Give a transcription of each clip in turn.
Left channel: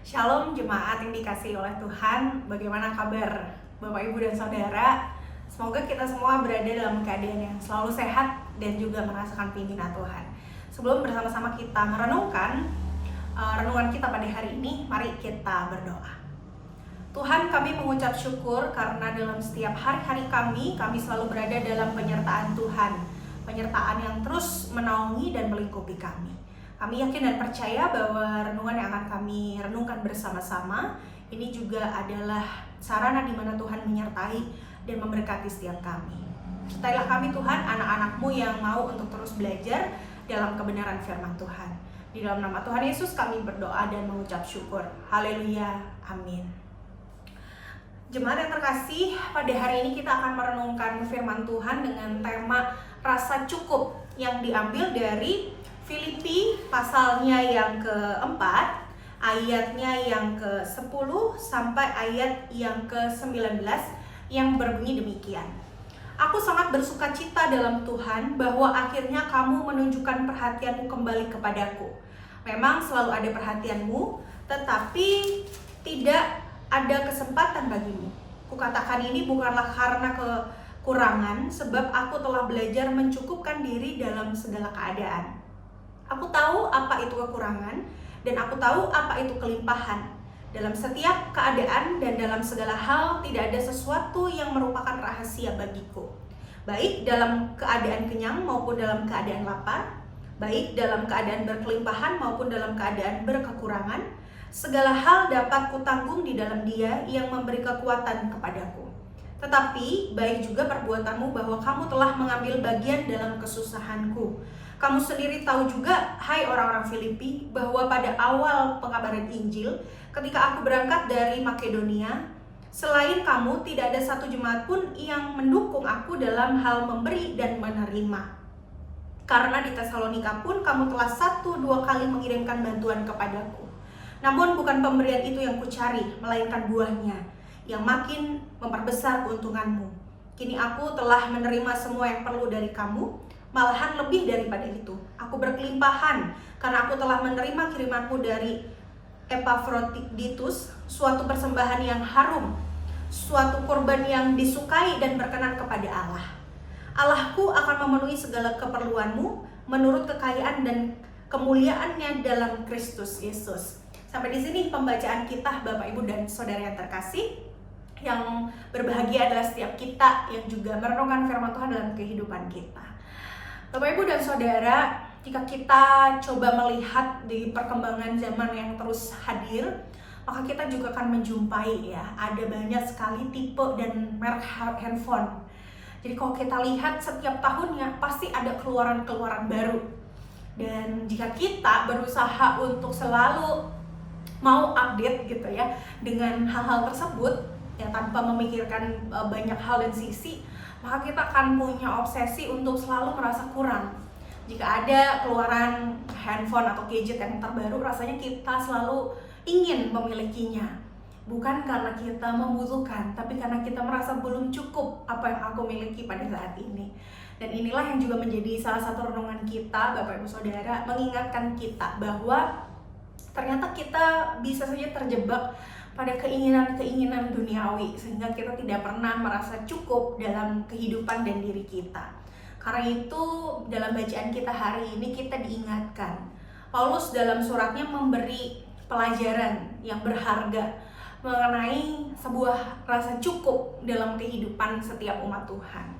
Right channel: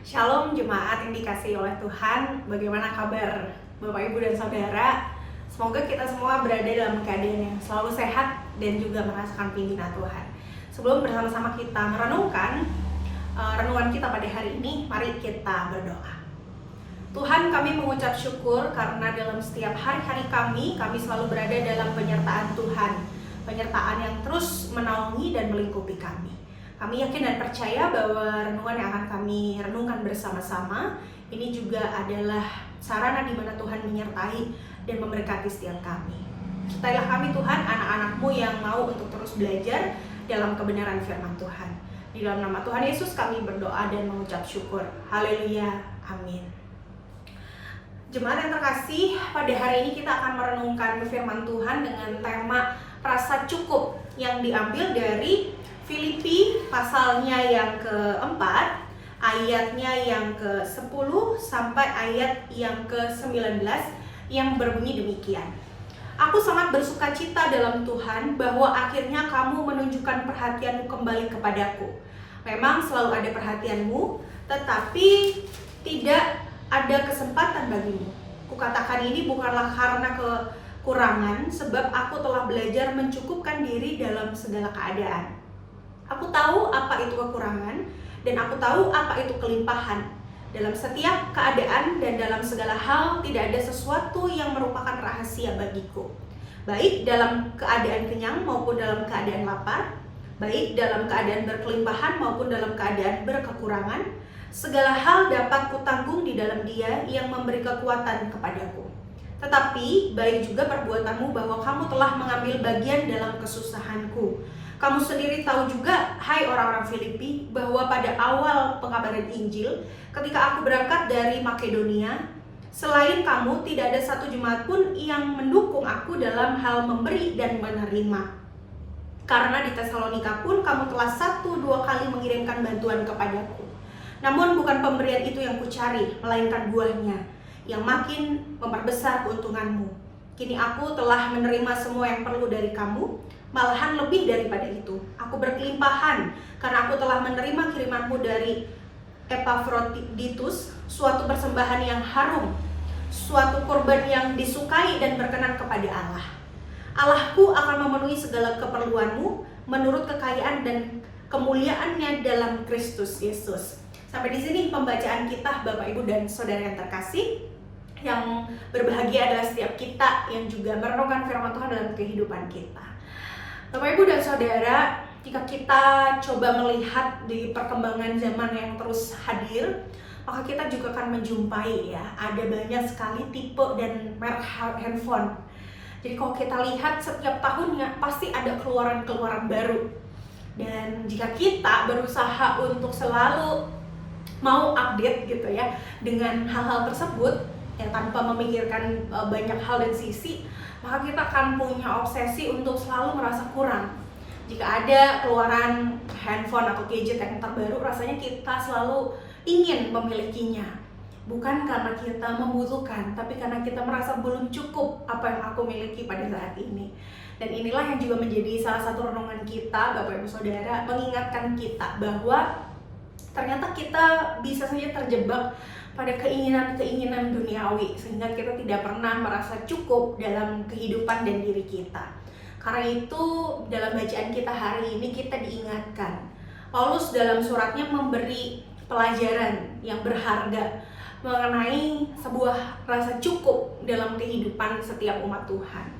Shalom jemaat yang dikasihi oleh Tuhan. Bagaimana kabar Bapak Ibu dan Saudara? Semoga kita semua berada dalam keadaan yang selalu sehat dan juga merasakan pimpinan Tuhan. Sebelum bersama-sama kita merenungkan renungan kita pada hari ini, mari kita berdoa. Tuhan, kami mengucap syukur karena dalam setiap hari-hari kami selalu berada dalam penyertaan Tuhan. Penyertaan yang terus menaungi dan melingkupi kami. Kami yakin dan percaya bahwa renungan yang akan kami renungkan bersama-sama ini juga adalah sarana di mana Tuhan menyertai dan memberkati setiap kami. Sertailah kami Tuhan, anak-anak-Mu yang mau untuk terus belajar dalam kebenaran firman Tuhan. Di dalam nama Tuhan Yesus kami berdoa dan mengucap syukur. Haleluya, amin. Jemaat yang terkasih, pada hari ini kita akan merenungkan firman Tuhan dengan tema rasa cukup yang diambil dari Filipi pasalnya yang keempat, ayatnya yang ke-10 sampai ayat yang ke-19 yang berbunyi demikian. Aku sangat bersuka cita dalam Tuhan bahwa akhirnya kamu menunjukkan perhatianmu kembali kepadaku. Memang selalu ada perhatianmu, tetapi tidak ada kesempatan bagimu. Kukatakan ini bukanlah karena kekurangan, sebab aku telah belajar mencukupkan diri dalam segala keadaan. Aku tahu apa itu kekurangan dan aku tahu apa itu kelimpahan. Dalam setiap keadaan dan dalam segala hal tidak ada sesuatu yang merupakan rahasia bagiku. Baik dalam keadaan kenyang maupun dalam keadaan lapar, baik dalam keadaan berkelimpahan maupun dalam keadaan berkekurangan, segala hal dapat kutanggung di dalam Dia yang memberi kekuatan kepadaku. Tetapi baik juga perbuatanmu bahwa kamu telah mengambil bagian dalam kesusahanku. Kamu sendiri tahu juga, hai orang-orang Filipi, bahwa pada awal pengabaran Injil, ketika aku berangkat dari Makedonia, selain kamu tidak ada satu jemaat pun yang mendukung aku dalam hal memberi dan menerima. Karena di Tesalonika pun kamu telah 1-2 kali mengirimkan bantuan kepadaku. Namun bukan pemberian itu yang kucari, melainkan buahnya, yang makin memperbesar keuntunganmu. Kini aku telah menerima semua yang perlu dari kamu, malahan lebih daripada itu. Aku berkelimpahan karena aku telah menerima kirimanmu dari Epafroditus, suatu persembahan yang harum, suatu korban yang disukai dan berkenan kepada Allah. Allahku akan memenuhi segala keperluanmu menurut kekayaan dan kemuliaannya dalam Kristus Yesus. Sampai di sini pembacaan kita, Bapak Ibu dan Saudara yang terkasih. Yang berbahagia adalah setiap kita yang juga merenungkan firman Tuhan dalam kehidupan kita. Bapak Ibu dan Saudara, jika kita coba melihat di perkembangan zaman yang terus hadir, maka kita juga akan menjumpai ada banyak sekali tipe dan merek handphone. Jadi kalau kita lihat setiap tahunnya pasti ada keluaran-keluaran baru. Dan jika kita berusaha untuk selalu mau update gitu ya dengan hal-hal tersebut yang tanpa memikirkan banyak hal dan sisi, maka kita akan punya obsesi untuk selalu merasa kurang. Jika ada keluaran handphone atau gadget yang terbaru, rasanya kita selalu ingin memilikinya. Bukan karena kita membutuhkan, tapi karena kita merasa belum cukup apa yang aku miliki pada saat ini. Dan inilah yang juga menjadi salah satu renungan kita, Bapak Ibu Saudara, mengingatkan kita bahwa ternyata kita bisa saja terjebak pada keinginan-keinginan duniawi sehingga kita tidak pernah merasa cukup dalam kehidupan dan diri kita. Karena itu dalam bacaan kita hari ini kita diingatkan, Paulus dalam suratnya memberi pelajaran yang berharga mengenai sebuah rasa cukup dalam kehidupan setiap umat Tuhan.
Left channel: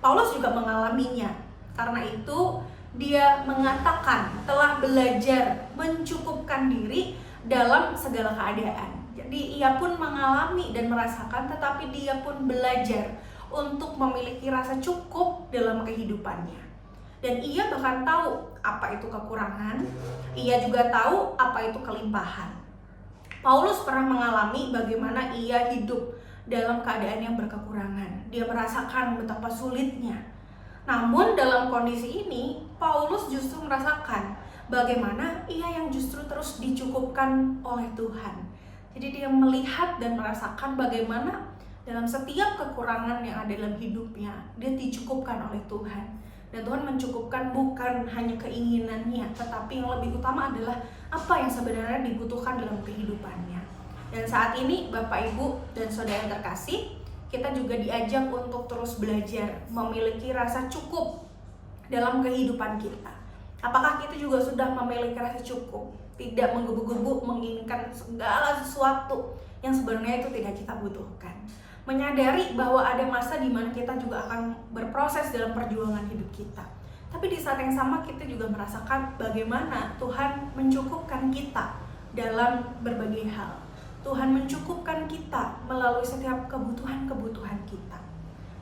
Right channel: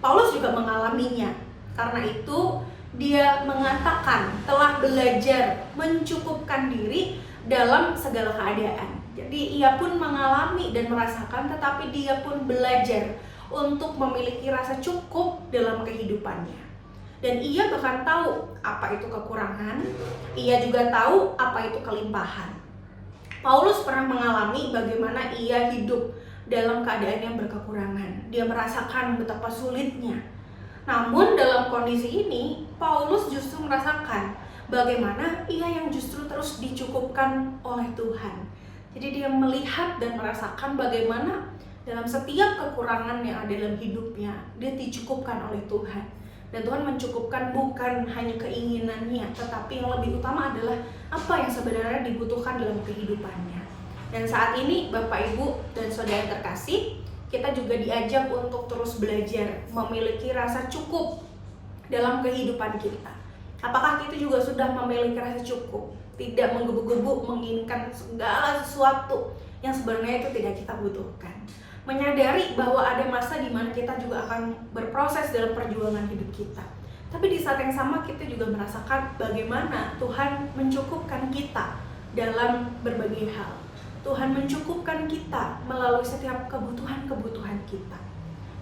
Paulus juga mengalaminya. Karena itu dia mengatakan telah belajar mencukupkan diri dalam segala keadaan. Jadi ia pun mengalami dan merasakan, tetapi dia pun belajar untuk memiliki rasa cukup dalam kehidupannya. Dan ia bahkan tahu apa itu kekurangan, ia juga tahu apa itu kelimpahan. Paulus pernah mengalami bagaimana ia hidup dalam keadaan yang berkekurangan. Dia merasakan betapa sulitnya. Namun dalam kondisi ini, Paulus justru merasakan bagaimana ia yang justru terus dicukupkan oleh Tuhan. Jadi dia melihat dan merasakan bagaimana dalam setiap kekurangan yang ada dalam hidupnya, dia dicukupkan oleh Tuhan. Dan Tuhan mencukupkan bukan hanya keinginannya, tetapi yang lebih utama adalah apa yang sebenarnya dibutuhkan dalam kehidupannya. Dan saat ini Bapak Ibu dan Saudara yang terkasih, kita juga diajak untuk terus belajar memiliki rasa cukup dalam kehidupan kita. Apakah kita juga sudah memiliki rasa cukup? Tidak menggebu-gebu menginginkan segala sesuatu yang sebenarnya itu tidak kita butuhkan. Menyadari bahwa ada masa di mana kita juga akan berproses dalam perjuangan hidup kita. Tapi di saat yang sama kita juga merasakan bagaimana Tuhan mencukupkan kita dalam berbagai hal. Tuhan mencukupkan kita melalui setiap kebutuhan-kebutuhan kita.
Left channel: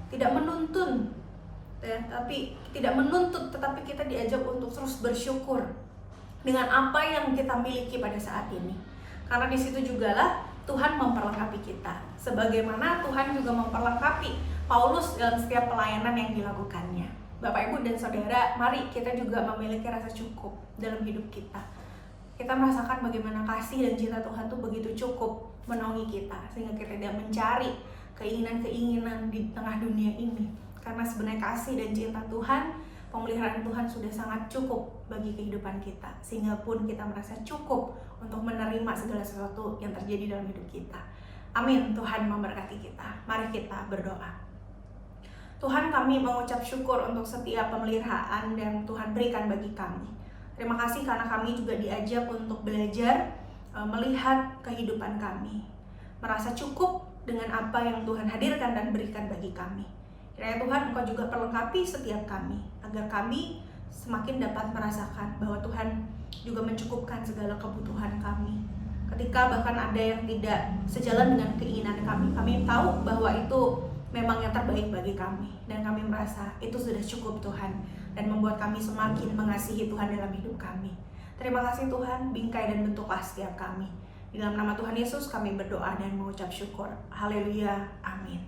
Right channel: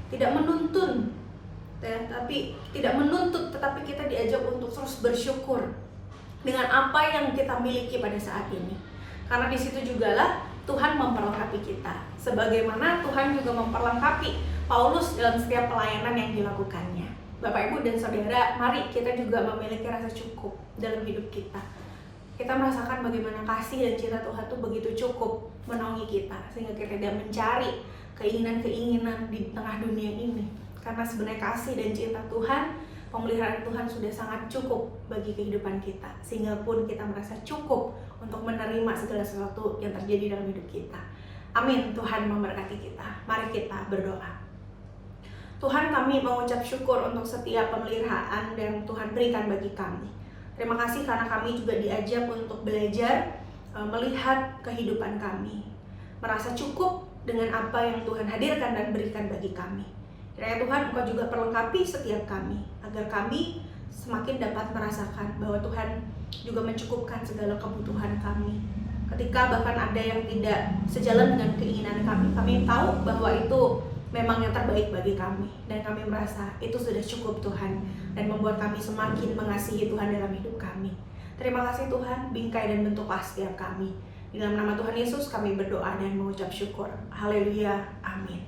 Tidak menuntun, tetapi kita diajak untuk terus bersyukur dengan apa yang kita miliki pada saat ini. Karena di situ jugalah Tuhan memperlengkapi kita, sebagaimana Tuhan juga memperlengkapi Paulus dalam setiap pelayanan yang dilakukannya. Bapak Ibu dan Saudara, mari kita juga memiliki rasa cukup dalam hidup kita. Kita merasakan bagaimana kasih dan cinta Tuhan itu begitu cukup menaungi kita, sehingga kita tidak mencari keinginan-keinginan di tengah dunia ini. Karena sebenarnya kasih dan cinta Tuhan, pemeliharaan Tuhan sudah sangat cukup bagi kehidupan kita, sehingga pun kita merasa cukup untuk menerima segala sesuatu yang terjadi dalam hidup kita. Amin. Tuhan memberkati kita. Mari kita berdoa. Tuhan, kami mengucap syukur untuk setiap pemeliharaan yang Tuhan berikan bagi kami. Terima kasih karena kami juga diajak untuk belajar melihat kehidupan kami, merasa cukup dengan apa yang Tuhan hadirkan dan berikan bagi kami. Kiranya Tuhan, Engkau juga perlengkapi setiap kami, agar kami semakin dapat merasakan bahwa Tuhan juga mencukupkan segala kebutuhan kami. Ketika bahkan ada yang tidak sejalan dengan keinginan kami tahu bahwa itu memang yang terbaik bagi kami. Dan kami merasa itu sudah cukup Tuhan, dan membuat kami semakin mengasihi Tuhan dalam hidup kami. Terima kasih Tuhan, bingkai dan bentuklah setiap kami. Di dalam nama Tuhan Yesus kami berdoa dan mengucap syukur. Haleluya, amin.